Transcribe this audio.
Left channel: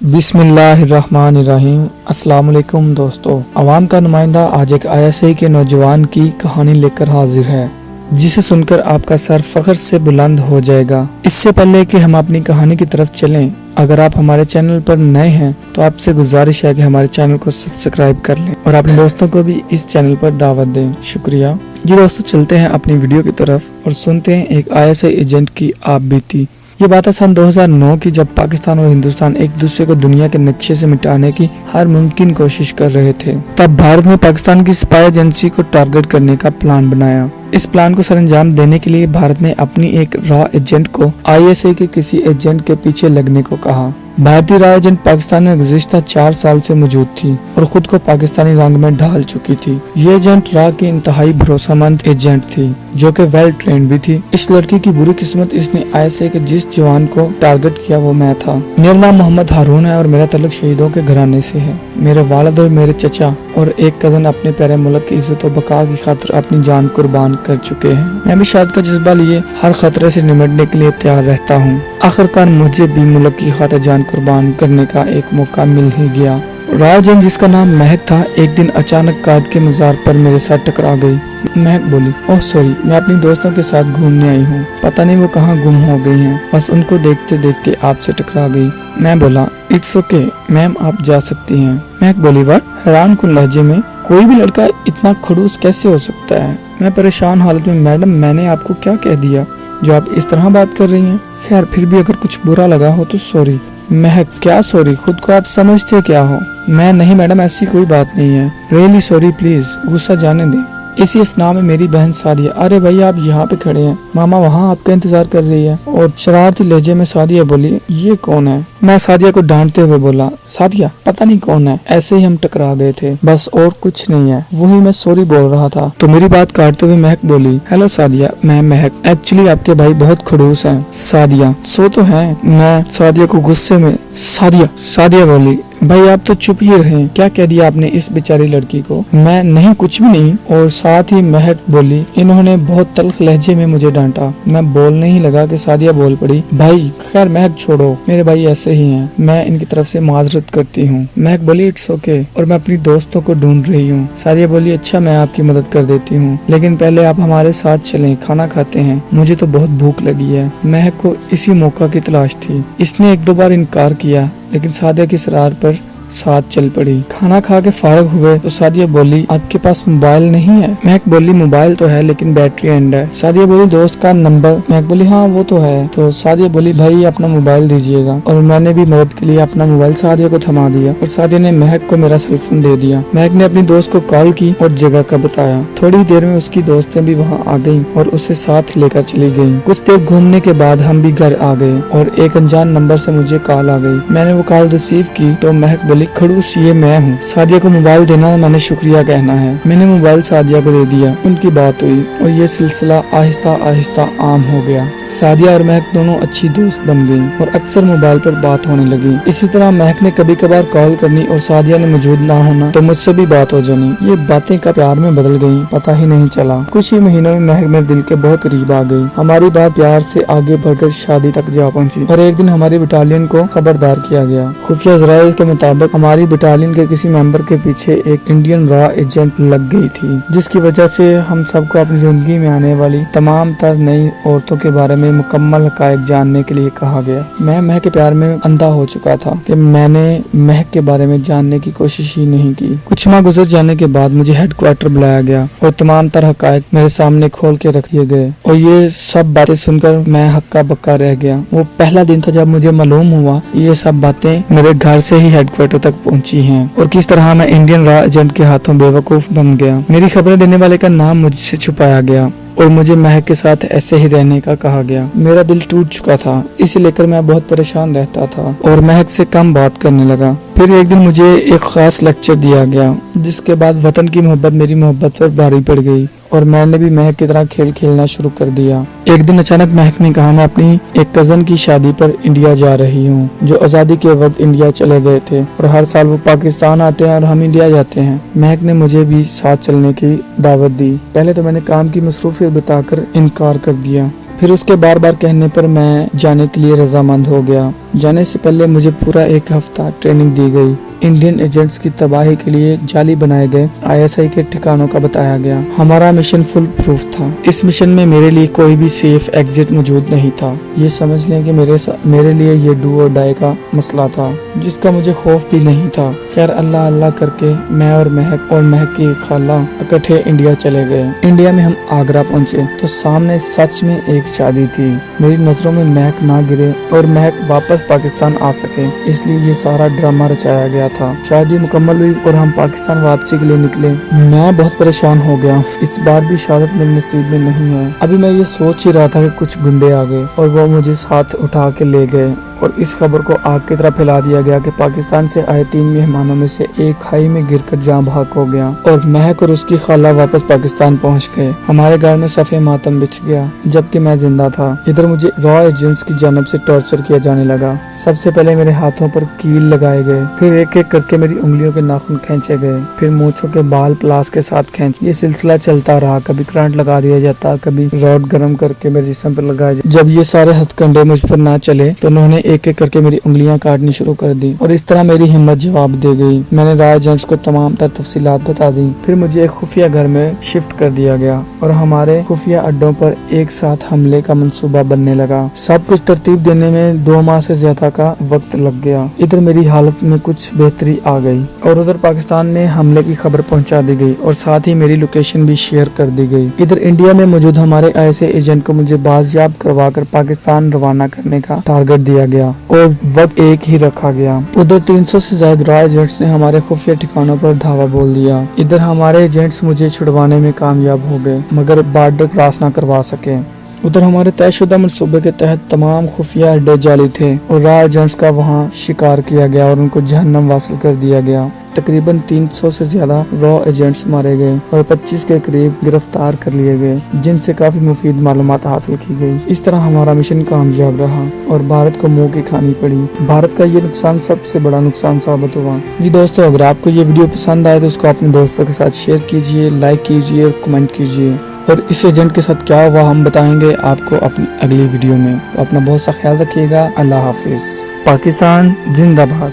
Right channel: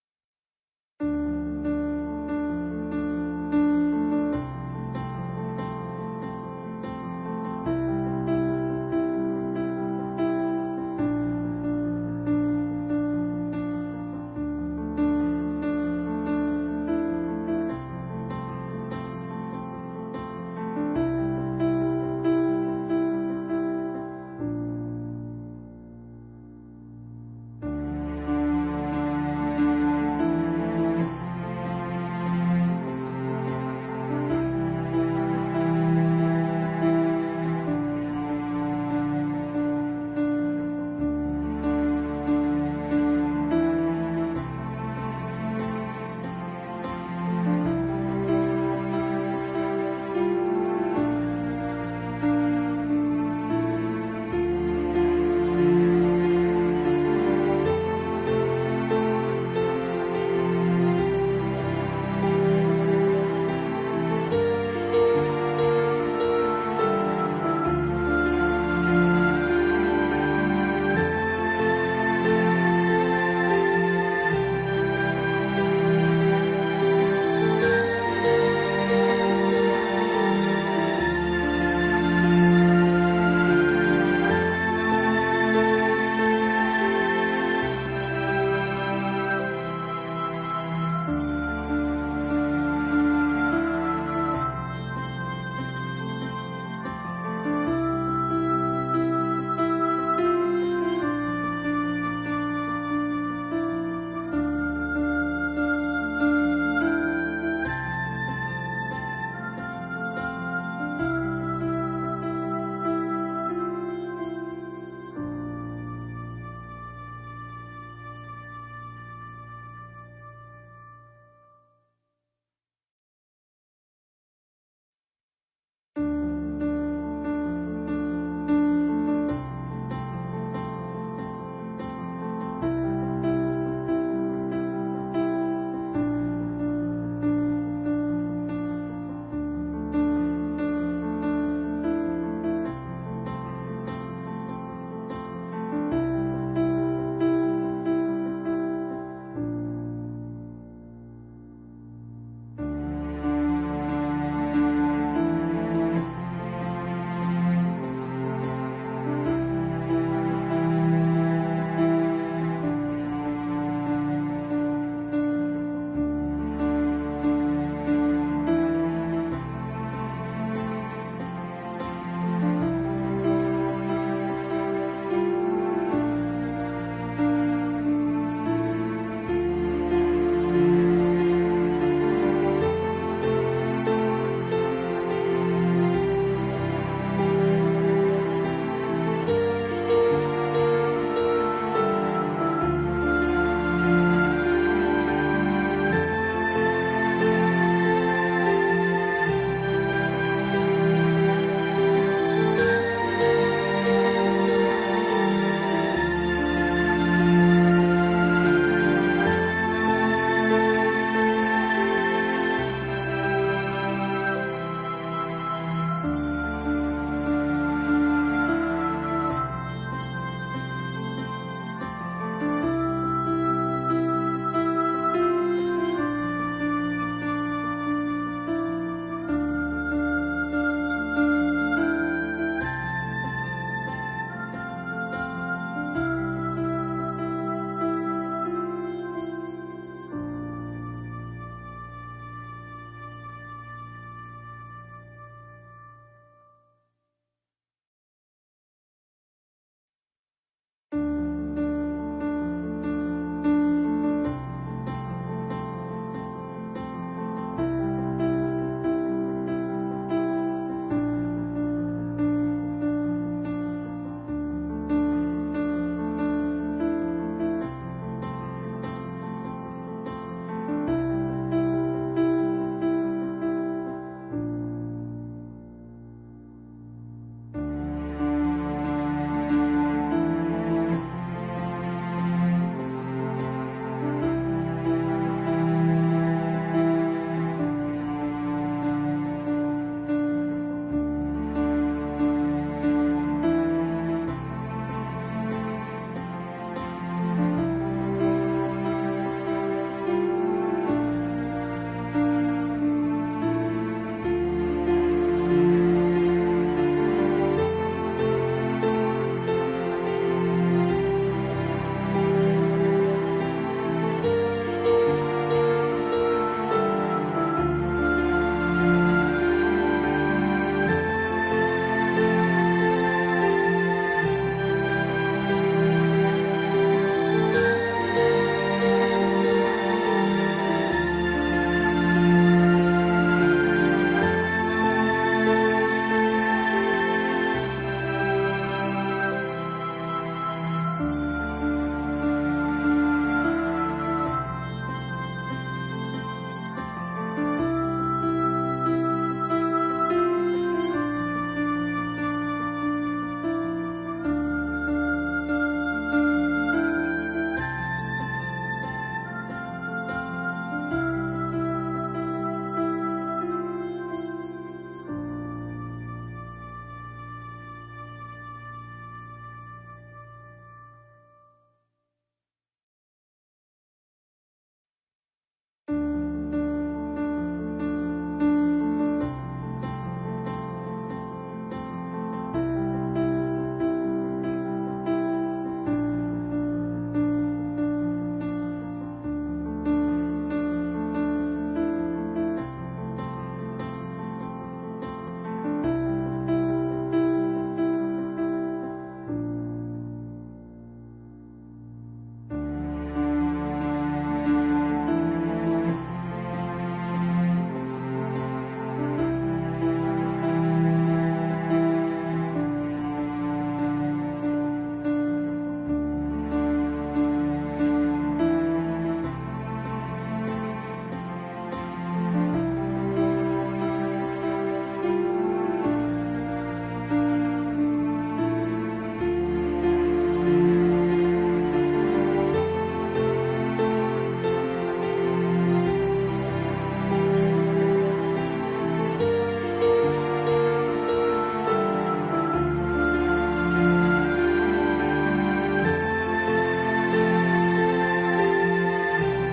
बिस्मिल्लाहिर्रहमानिर्रहीम। अस्सलाम वालेकुम दोस्तों। अवाम का नुमाइंदा आज एक ISI के नौजवान की कहानी लेकर हाजिर है, जिसे सुनकर आपका सर फख्र से बुलंद हो जाएगा। इससे पहले कि हम अपनी कहानी की तरफ चलें, अगर आप हमारे चैनल पर नए हैं तो आपसे गुजारिश है कि हमारे चैनल को सब्सक्राइब कर लें और अपने दोस्तों को भी इस चैनल पर दावत दें। शुक्रिया। जी दोस्तों, चलते हैं अपनी वीडियो की तरफ और सुनते हैं एक ISI एजेंट की आप बीती। ये बात है सन 2009 की, जब पाकिस्तान और हिंदुस्तान एक दूसरे को दुनिया के नक्शे से मिटाने की हर मुमकिन कोशिश कर रहे थे। तब भारत ने पाकिस्तान की स्पाई एजेंसी को टारगेट करने का प्लान बनाया। इस प्लान को सरअंजाम देने के लिए भारत ने अपनी एक रॉ एजेंट को ISI के किसी एजेंट के पीछे लगने को कहा। भारतीय रॉ एजेंट पाकिस्तान में गुज़िश्ता 4 साल से मौजूद थी और खुद को पाकिस्तानी रंग में ढाल चुकी थी। ये एजेंट रॉ की इंतहाई भरोसेमंद एजेंट थी, जो कि वेल ट्रेंड भी थी। इस लड़की की बुरी किस्मत, इसने ISI के जिस जवान को टारगेट किया वो मैं था। मेरा नाम मोहम्मद हारून है और मेरा ताल्लुक शहीदों के घराने से है। मेरे वालिद और मेरे चचा और एक कजन अपने प्यारे मुल्क की इज्जत और बका की खातिर अपनी जान कुर्बान कर चुके हैं। मैं भी शायद का जज्बा लिए हर खतरे से निपटने के लिए तैयार रहता हूँ। आखिरकार मुझे भी मुल्क की खातिर जान कुर्बान करने का एक मौका मिल ही गया। राजन, जिसका नाम महक था, एक दिन अचानक कायद के मज़ार पर मेरे साथ टकरा गई। महक बोली, ओह सॉरी, मैं अपनी दोस्तों के साथ घूमने आई हूँ, पता नहीं वो कहाँ गुम हो गई हैं, बस उनको देखते देखते आपसे टकरा गई। मैं बोला, इट्स ओके मैम, आप जा सकती हैं। महक बोली, व्हाट? हैरान कुन लहजे में, कोई भी लड़का इतना खड़ूस कैसे हो सकता है? मैं परेशान हालत में, मैडम मैंने आपको क्या कह दिया जो आप इस तरह बात कर रही हैं? खैर, फिर भी अगर कुछ बुरा लगा हो तो सॉरी। महक, क्या सॉरी? खुद को आप समझते क्या हो? मैं, नहीं मैडम, ऐसी कोई बात नहीं है। रियली सॉरी, प्लीज गुस्सा जाने दें। इसी स्नाह में मेरी बहन सादिया, अरे भाई आप यहाँ पे खड़े हैं, मामा वहाँ आपका इंतजार कर रही है। और शरारती लहजे में सादिया बोली, ये कौन है? मैं सादिया को डांटते हुए बोला, सादिया पता नहीं कौन है, ऐसे ही हम टकरा गए थे, बस और कुछ नहीं है, वही मैं सॉरी बोल रहा था। तो मेरी बात काटते हुए महक बोली, हेलो सादिया, मैं महक, एक्चुअली आपके भाई बहुत खड़ूस हैं। सादिया, सो तो है। मैं सादिया को गुस्से में, सादिया बोली, भाई आप तो चुप ही रहे, क्या कह दिया आपने इस बेचारी लड़की को? मैं, नहीं कुछ भी नहीं। और साथ ही महक बोली, इन्होंने बहुत तल्ख लहजे में मुझे डांटा। मैं बोलने ही लगा कि सादिया बोल पड़ी, भाई खैर महक छोड़ो, मेरे भाई ऐसे ही हैं, मैं इनकी तरफ से माजरत करती हूँ। महक बोली, इट्स ओके, और मैं अपनी दोस्तों को ढूंढ रही हूँ। सादिया बोली, अच्छा मैं आपकी मदद कर देती हूँ, लेकिन पहले आप हमारे साथ चलें, खाना खाते हैं, मुझे तो बहुत भूख लगी है। महक को इसी मौका की तलाश थी। इसने 1-2 बार इनकार किया, लेकिन सादिया की सरार पर साथ चल पड़ी। खाना खा के फारग हुए तो सादिया बोली, आपके पास मोबाइल नहीं है? महक बोली, मोबाइल तो है लेकिन बैटरी एंड है। सादिया बोली, दोस्त का नंबर? महक बोली, हाँ वो तो है। तो सादिया बोली, भाई अपना मोबाइल दीजिएगा। और मैंने भी मदद के लिए अपना मोबाइल सादिया को थमा दिया और सादिया ने महक को मेरा सेलफोन दे दिया। महक ने अपनी दोस्त को कॉल की और जगह का बताया। थोड़ी देर में उसकी दोस्तें भी वहाँ आ गयी और उसे साथ लेकर चली गयी। कुछ देर घूमने के बाद हम भी घर आ गए और एक अनजान नंबर से मुझे कॉल आ गई। मैंने वो कॉल रिसीव की तो महक बोली, खड़ूस ये मैं हूँ, सादिया को मोबाइल देना मैंने शुक्रिया कहना है। मैंने मोबाइल सादिया को दे दिया। उनकी बात हुई और ये सिलसिला आहिस्ता आहिस्ता आम हो गया। सादिया और महक दोनों अच्छी दोस्त बन गई और अक्सर मोबाइल पर बात होने लगी। इसी तरह महक ने कभी कभार कॉल करनी और सादिया ने मौजूद ना होना तो मुझसे भी बात हो जानी। ये बातें का प्यार में बदल गयी, पता ही नहीं चला। कुछ ही महीनों में महक मेरे दिल के बहुत करीब आ गई। हमारी बात प्यार से आगे बढ़कर शादी तक जा पहुँची और एक दिन हमारी बटालियन को खबरदार किया गया। खुफिया जराये के मुताबिक हमारी बटालियन के किसी मेंबर के पीछे एक इंडियन रॉ एजेंट लग गई थी, जिसकी वजह से हम सबको अपनी जिंदगी में आने वाली तमाम तर नई औरतों के बारे में मुकम्मल हकायक जानने के लिए कहा गया। मैं महक के प्यार में अंधा हो चुका था कि मैंने महक के बारे में जानने की कोशिश ही नहीं की। कुछ माह गुजर जाने के बाद मुझे हेडक्वार्टर बुलाया गया और तमाम तर हकायक मेरे सामने खोल के रख दिए गए और ये सब बातें सुनकर मैं हक्का बक्का रह गया। वो पहला दिन था जब मुझे मालूम हुआ ये सब बातें मेरे घर से ही हेडक्वार्टर तक पहुंची हैं और किस तरह मैं इंडियन रॉ एजेंट के हाथों बेवकूफ बन गया। मेरी खबरें देने वाले का नाम मुझसे छुपाया गया और मुझे महक के साथ ऐसे ही रहने का कहा गया। मेरा दिल टूट चुका था, इसे लेकर मैं बहुत परेशान रहता था और महक से कम बात करने लगा। फिर एक दिन मुझे एक खास लेक्चर दिया गया, जिसके बाद वतन की मोहब्बत मेरी मोहब्बत पर भारी पड़ गई और मैंने भी महक की तरह खेल खेलना शुरू कर दिया। एक दिन अचानक महक ने कहा, मैं अपनी एक कजन की शादी पर इंडिया जा रही हूँ, जो आजादी के वक्त इंडिया चले गए थे और हर साल वो पाकिस्तान आते हैं और हम इंडिया जाते हैं। महक ने मुझे भी साथ चलने की दावत दी। पहले तो मैंने काम की मसरूफियत बताकर इनकार कर दिया, फिर उसके बार बार कहने पर मैं जाने के लिए रजामंद हो गया। जाने से पहले मुझे पूरा 1 हफ्ता ट्रेनिंग दी गई। इंडियन एजेंट्स की तबाही के लिए जाली बनाए गए ISI के ठिकानों का बताया गया। हमारा मिशन फुल प्रूफ था। इस मिशन में मेरे लिए कोई भी सेफ एग्जिट मौजूद नहीं था। ये समझ लें कि मेरे लिए ये डू और डाई का मसला था, जिसका मुझे खौफ भी नहीं था। खैर अल्लाह अल्लाह करके मैं और महक की खाला इकट्ठे इंडिया चले गए। इंडिया में हम आगरा पहुंचे तो सामने सच में एक शादी थी। मेरी नजरों में महक ना गिरे और महक वापस पाकिस्तान आ सके, इसलिए ये सारा ड्रामा रचाया गया था। शादी मुकम्मल हुई और हम पाकिस्तान वापसी के लिए निकले। मैं बहुत परेशान हो गया। इस बार भी शहादत मेरे नसीब में नहीं है। अभी मैं ये सोच ही रहा था कि कुछ गुंडे आ गए और वो मुझे साथ उठा के ले गए और इस खबर को आग की तरह फैला दिया गया कि पाकिस्तान से आए 3 मेहमानों में से एक खाई में गिरकर जान बहक हो गया और महक और उसकी खाला वापस पाकिस्तान पहुंच गए। हमारे घर में सफ़े मातम बिछ गया, जबकि मैं जिंदा था। इधर मुझे रॉ एजेंट्स की जानब से टॉर्चर किया जाने लगा। सबसे पहले मेरे हाथों पर कील लगाए गए, फिर एक एक करके मेरी उंगलियों के नाखून खींचे गए, फिर मूंछों के बाल प्लास के साथ खींच। ये सिलसिला चलता रहा। कभी करंट लगा दिया जाता, कभी रॉड गर्म करके मेरे जिस्म पर लगाया जाता। जब ये सारे हथकंडे मुझ पर ना चले तो उन्होंने एक एक करके मेरी उंगलियां काटनी शुरू कर दी और इस तरह मेरी हिम्मत जवाब दे गई। मैंने रॉ एजेंट्स को तमाम तर तफसीलात बता दी। फिर मुझे एक खुफिया घर में शिफ्ट कर दिया गया और हमारे खुफिया अड्डों पर एक साथ हमले का मंसूबा बनने लगा। सब कुछ तरतीब देने में 2 माह से ज्यादा का वक्त लग गया। इधर मेरी हालत में कुछ बेहतरी आ गई और उधर पाकिस्तान में हमले की खबर पहुंचा दी गई और साथ ही मेरी लोकेशन भी शेयर कर दी गई। इधर इंडिया में मौजूद हमारे ISI एजेंट को मुझे बाजियाब करवाकर पाकिस्तान रवाना करने का टारगेट दिया गया और वक्त एक ही रखा गया। उधर 300 से ज्यादा रॉ एजेंट्स ने हमारे खुफिया ठिकानों पर धावा बोल दिया। इधर हमारे एजेंट्स मुझे छुड़वाने में कामयाब हो गए, मगर बॉर्डर क्रॉस न करवा सके। उधर हमारे तयशुदा मनसूबे के तहत तमाम खुफिया अड्डे जाली थे और रॉ एजेंट्स का वहां शिकार किया गया और उनको जहन्नम वासिल कर दिया गया। तकरीबन 300 से ज्यादा रॉ एजेंट्स मारे गए और 25 के करीब गिरफ्तार कर लिए गए, जिनसे काफी मुफीद मालूमात हासिल की गई। इस तरह हमारा मिशन कामयाब रहा और भारत को मुंह की खानी पड़ी। भारत का ये नुकसान सबसे बड़ा नुकसान साबित हुआ। जी दोस्तों, अगर आपको ये वीडियो पसंद आए तो इसको अपने दोस्तों के साथ शेयर कीजिए, लाइक कीजिए और कमेंट कीजिए। और इस एजेंट के साथ क्या हुआ हम बताएंगे आपको अपनी अगली वीडियो में। तो अपना बहुत सा ख्याल रखिएगा। अल्लाह हाफिज। पाकिस्तान जिंदाबाद।